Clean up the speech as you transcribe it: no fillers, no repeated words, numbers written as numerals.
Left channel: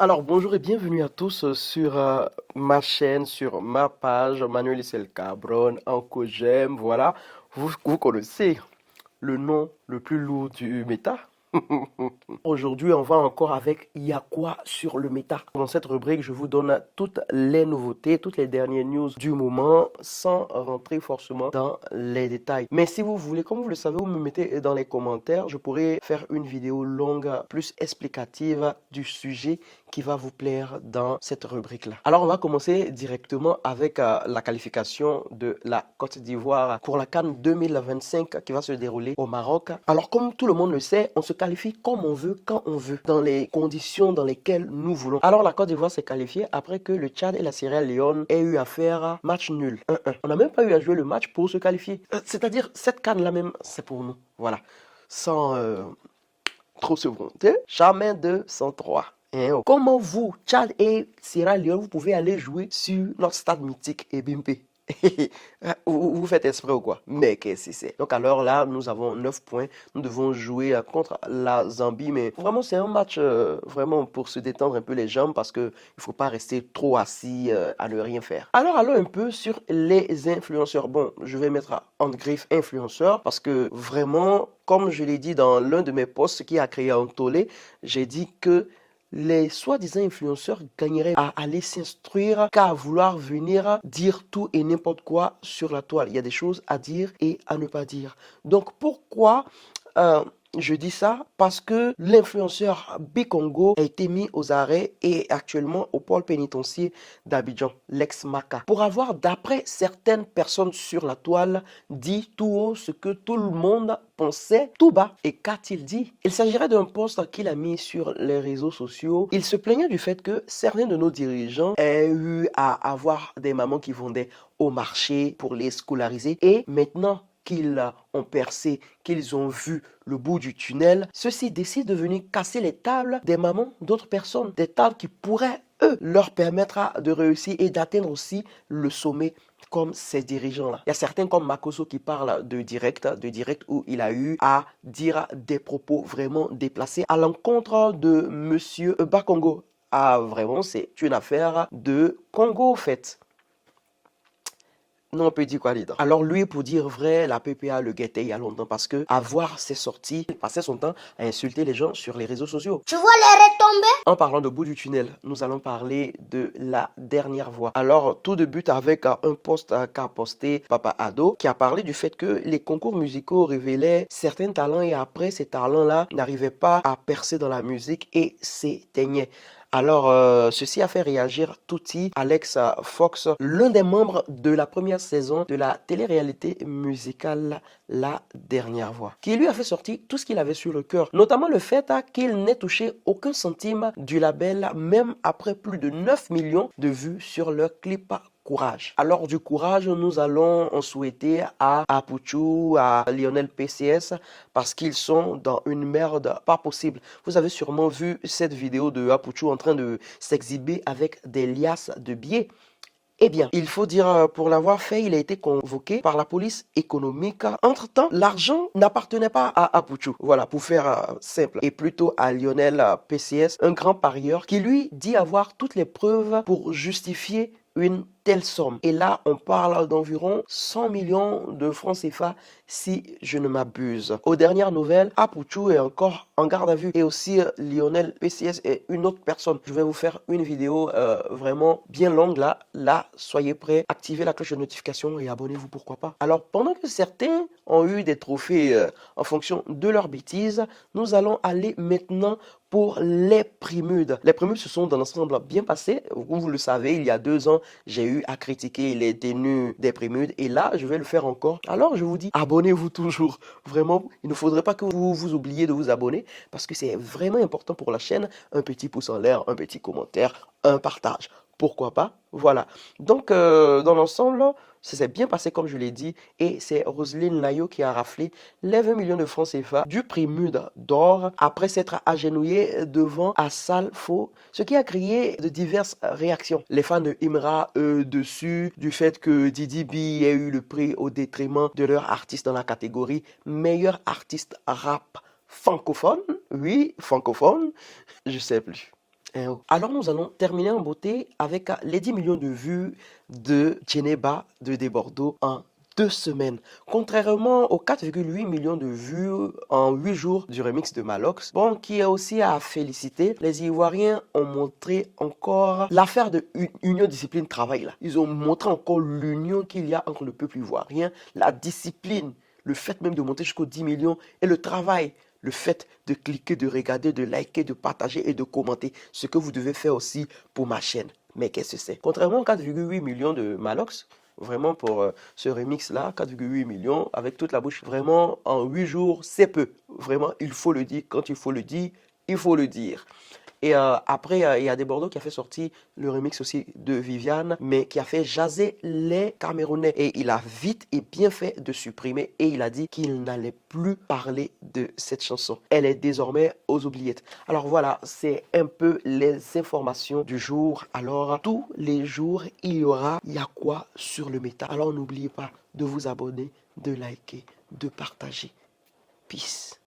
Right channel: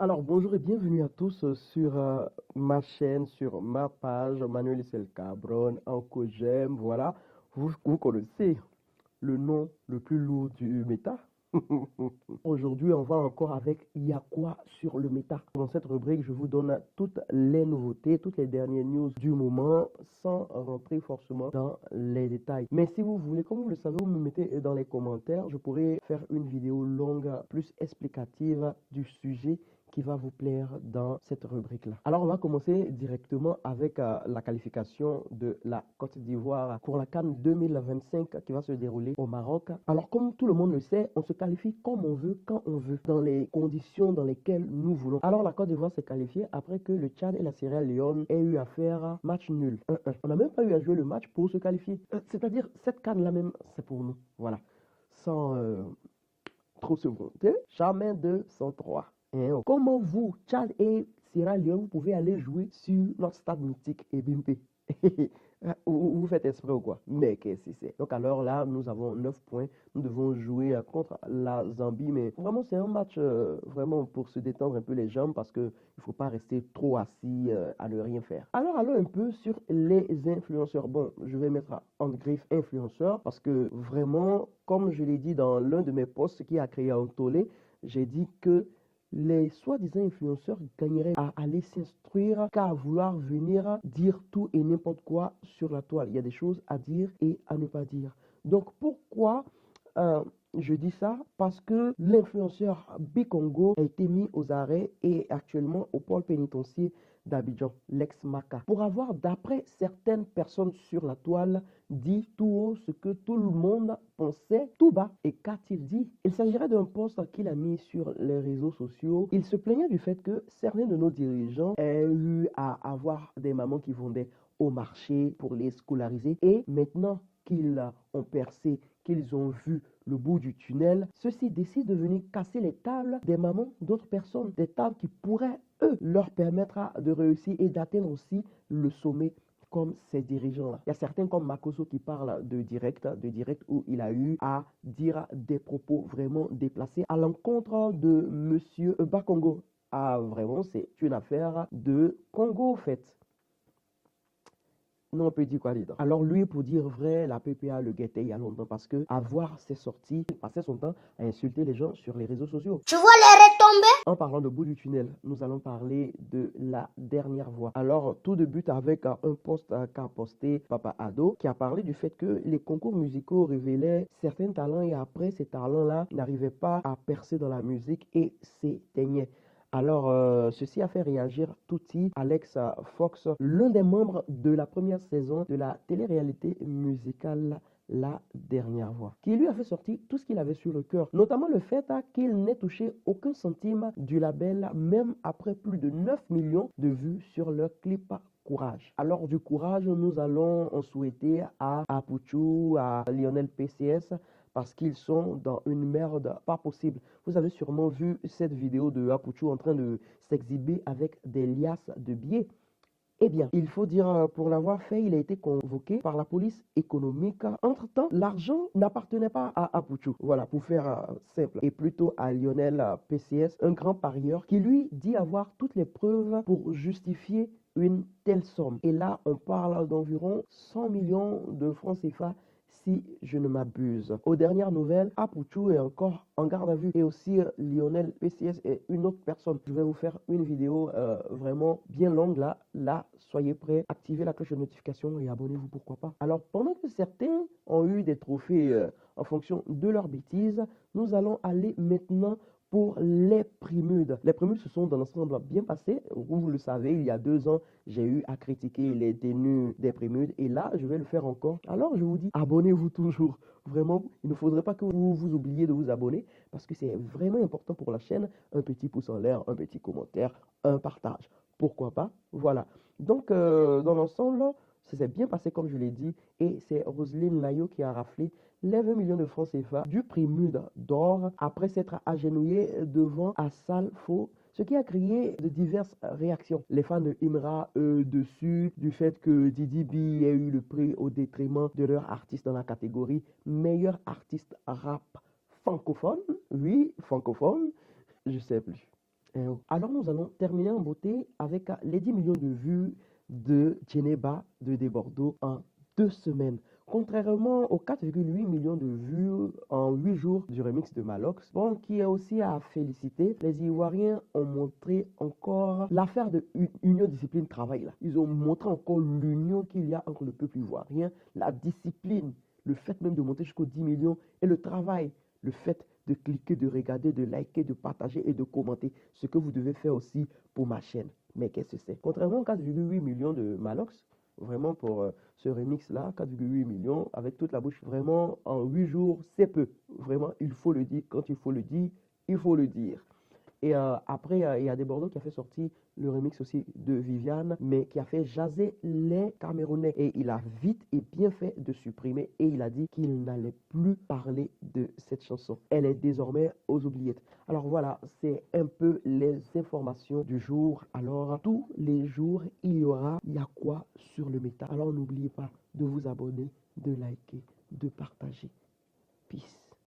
Alors bonjour et bienvenue à tous sur ma chaîne, sur ma page, Manuel Isel Cabron, Anko J'aime, voilà. Vous connaissez le nom le plus lourd du méta. Aujourd'hui, on va encore avec Il y a quoi sur le méta. Dans cette rubrique, je vous donne toutes les nouveautés, toutes les dernières news du moment, sans rentrer forcément dans les détails. Mais si vous voulez, comme vous le savez, vous me mettez dans les commentaires, je pourrais faire une vidéo longue, plus explicative du sujet qui va vous plaire dans cette rubrique-là. Alors, on va commencer directement avec la qualification de la Côte d'Ivoire pour la CAN 2025 qui va se dérouler au Maroc. Alors, comme tout le monde le sait, on se qualifie comme on veut, quand on veut, dans les conditions dans lesquelles nous voulons. Alors, la Côte d'Ivoire s'est qualifiée après que le Tchad et la Sierra Leone aient eu à faire match nul, 1-1. On n'a même pas eu à jouer le match pour se qualifier. C'est-à-dire, cette CAN-là même, c'est pour nous. Voilà. Sans trop se vanter, jamais 2 sans 3. Comment vous, Tchad et Sierra Leone, vous pouvez aller jouer sur notre stade mythique et Bimpe? Vous faites exprès ou quoi? Mais qu'est-ce que c'est? Donc alors là, nous avons 9 points. Nous devons jouer contre la Zambie. Mais vraiment, c'est un match vraiment pour se détendre un peu les jambes parce qu'il ne faut pas rester trop assis à ne rien faire. Alors allons un peu sur les influenceurs. Bon, je vais mettre en griffe influenceurs parce que vraiment, comme je l'ai dit dans l'un de mes posts qui a créé un tollé, j'ai dit que les soi-disant influenceurs gagneraient à aller s'instruire qu'à vouloir venir dire tout et n'importe quoi sur la toile. Il y a des choses à dire et à ne pas dire. Donc pourquoi je dis ça? Parce que l'influenceur Bikongo a été mis aux arrêts et actuellement au pôle pénitentiaire d'Abidjan, l'ex-Maca, pour avoir, d'après certaines personnes sur la toile, dit tout haut ce que tout le monde pensait tout bas. Et qu'a-t-il dit? Il s'agirait d'un post qu'il a mis sur les réseaux sociaux. Il se plaignait du fait que certains de nos dirigeants aient eu à avoir des mamans qui vendaient au marché pour les scolariser. Et maintenant qu'ils ont percé, qu'ils ont vu le bout du tunnel, ceux-ci décident de venir casser les tables des mamans d'autres personnes, des tables qui pourraient, eux, leur permettre de réussir et d'atteindre aussi le sommet comme ces dirigeants-là. Il y a certains comme Makoso qui parlent de direct où il a eu à dire des propos vraiment déplacés à l'encontre de Monsieur Bakongo. Ah, vraiment, c'est une affaire de Congo, en fait. Non, on peut dire quoi dedans? Alors lui, pour dire vrai, la PPA le guettait il y a longtemps parce que à voir ses sorties, il passait son temps à insulter les gens sur les réseaux sociaux. Tu vois les retombées? En parlant de bout du tunnel, nous allons parler de la dernière voix. Alors, tout débute avec un post qu'a posté Papa Ado qui a parlé du fait que les concours musicaux révélaient certains talents et après, ces talents-là n'arrivaient pas à percer dans la musique et s'éteignaient. Alors, ceci a fait réagir Tutti, Alex Fox, l'un des membres de la première saison de la télé-réalité musicale La Dernière Voix, qui lui a fait sortir tout ce qu'il avait sur le cœur, notamment le fait qu'il n'ait touché aucun centime du label, même après plus de 9 millions de vues sur leur clip Courage. Alors du courage, nous allons en souhaiter à Apuchu, à Lionel PCS, parce qu'ils sont dans une merde pas possible. Vous avez sûrement vu cette vidéo de Apuchu en train de s'exhiber avec des liasses de billets. Eh bien, il faut dire, pour l'avoir fait, il a été convoqué par la police économique. Entre-temps, l'argent n'appartenait pas à Apuchu. Voilà, pour faire simple. Et plutôt à Lionel PCS, un grand parieur, qui lui dit avoir toutes les preuves pour justifier une telle somme. Et là, on parle d'environ 100 millions de francs CFA si je ne m'abuse. Aux dernières nouvelles, Apuchu est encore en garde à vue et aussi Lionel PCS et une autre personne. Je vais vous faire une vidéo vraiment bien longue là. Là, soyez prêts, activez la cloche de notification et abonnez-vous, pourquoi pas. Alors, pendant que certains ont eu des trophées en fonction de leurs bêtises, nous allons aller maintenant pour les Primudes. Les Primudes se sont dans l'ensemble bien passés. Vous le savez, il y a 2 ans, j'ai eu à critiquer les tenues des Primudes et là, je vais le faire encore. Alors, je vous dis, abonnez-vous toujours. Vraiment, il ne faudrait pas que vous vous oubliez de vous abonner parce que c'est vraiment important pour la chaîne. Un petit pouce en l'air, un petit commentaire, un partage. Pourquoi pas? Voilà. Donc, dans l'ensemble, ça s'est bien passé comme je l'ai dit et c'est Roselyne Layo qui a raflé les 20 millions de francs CFA du Primude d'or après s'être agenouillée devant Assal Faux, ce qui a créé de diverses réactions. Les fans de Imra, dessus, du fait que Didi B ait eu le prix au détriment de leur artiste dans la catégorie meilleur artiste rap francophone. Oui, francophone, je sais plus. Alors nous allons terminer en beauté avec les 10 millions de vues de Djeneba de Desbordeaux en 2 semaines. Contrairement aux 4,8 millions de vues en 8 jours du remix de Malox, bon, qui est aussi à féliciter, les Ivoiriens ont montré encore l'affaire de union discipline travail là. Ils ont montré encore l'union qu'il y a entre le peuple ivoirien, la discipline, le fait même de monter jusqu'aux 10 millions et le travail. Le fait de cliquer, de regarder, de liker, de partager et de commenter. Ce que vous devez faire aussi pour ma chaîne. Mais qu'est-ce que c'est? Contrairement aux 4,8 millions de Malox, vraiment pour ce remix-là, 4,8 millions, avec toute la bouche, vraiment en 8 jours, c'est peu. Vraiment, il faut le dire. Quand il faut le dire, il faut le dire. Et après, il y a Desbordeaux qui a fait sortir le remix aussi de Viviane, mais qui a fait jaser les Camerounais. Et il a vite et bien fait de supprimer. Et il a dit qu'il n'allait plus parler de cette chanson. Elle est désormais aux oubliettes. Alors voilà, c'est un peu les informations du jour. Alors, tous les jours, il y aura Y'a quoi sur le méta. Alors n'oubliez pas de vous abonner, de liker, de partager. Peace.